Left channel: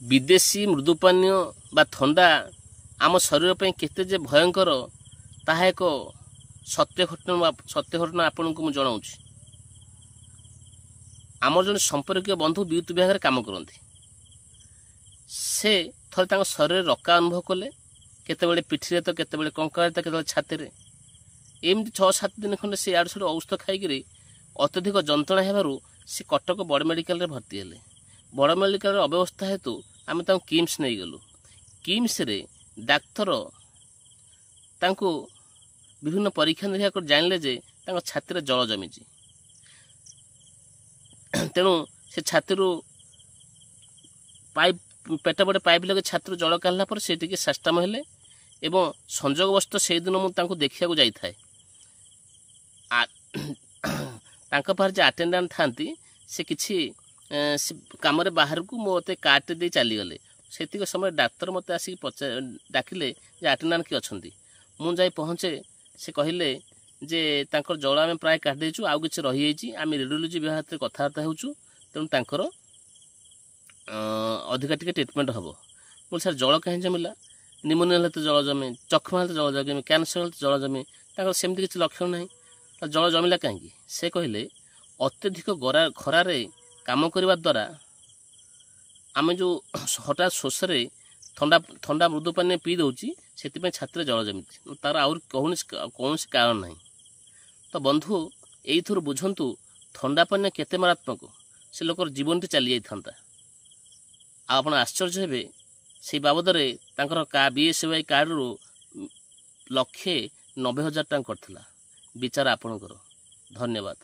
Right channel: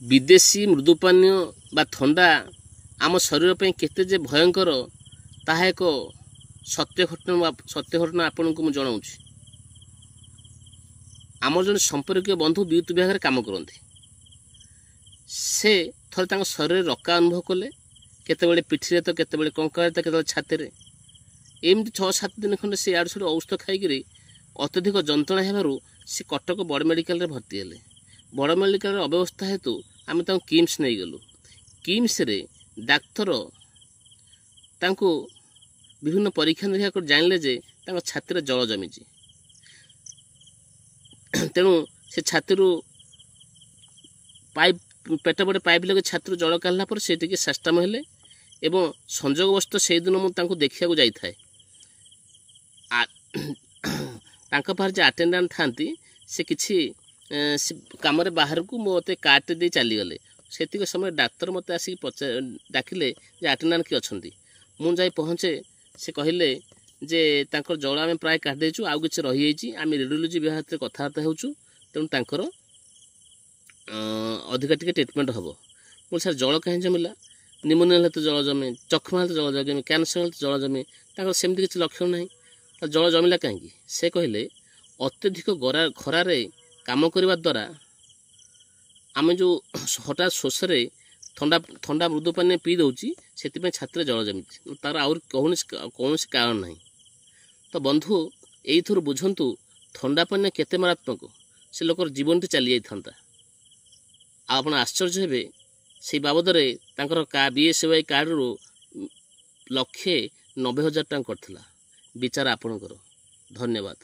विदेशी मृदुपानीय बा थंडा आम शरीर पे केते जे भयंकर ताहा एक सत्य घटना आपन को जनाऊँ। आम जन संपर्क बंधु विद्युत विभाग काम करते से थोड़े शरीर रका अनुभव कले केतबेले पिठी तो केतबेले कंकाल तो केतबेले छाती एमती 6-7 दिन खंडे से आड़ छड़ औषध खाई अत्यधिक जंत्रणा हेबारु से कटक बड़ मेडिकल भर्ती हेले। बड़ मेडिकल अव्यवस्था हेतु आम किम्स नहीं गलु। किम्स रे डाक्तर तांको विभिन्न परीक्षा निरीक्षा कर जानले जे छाती जल जमी तेणु से छाती पाइप पेट बड़े पाइप लगे छाती जल काढ़ला पर से टिके साष्टाम हेले एवं संजोगवश से दिन मुझे देखा जाई थाए। पाखर जो आटेंडांट था से किसी कम बाहर को मत कार्ड दे चलीगले से समय डाक्तर मत आसिक डाकिले जे आटेंडांट किए अच्छा मुझे पहुँचे से कहले जे तांकर जल आम प्राय काटिदेचु आउ कि रही आम रेडियोलोजी विभाग कथबार्ता होचु तेणु तांकर अधिका टिके ट्रिटमेंट हम। मुझे सर जल कहीं जमिला निमोनिया हेल्थ जल जमी चक्षमा हेल्थ जल जमी कैंसर हेल्थ जल जमी सेमती किसी लक्षण ना जल जमिला कहीं से कहले अत्यधिक खरार काम करने द्वारा आम जो हठात शोष ठंडा मृदु पानी पी दौची से छाती जल जमी तार आउर कौन कारण ना। तो बंधु यही बुझंतु ठंडा पानी केते मारात्मक से लोकर जीवन टी चली जाता। आप आश्चर्य हे से बाबद BSY कार्ड रू 1,90,000 टंका करथिला विचार आपणकर। धन्यवाद।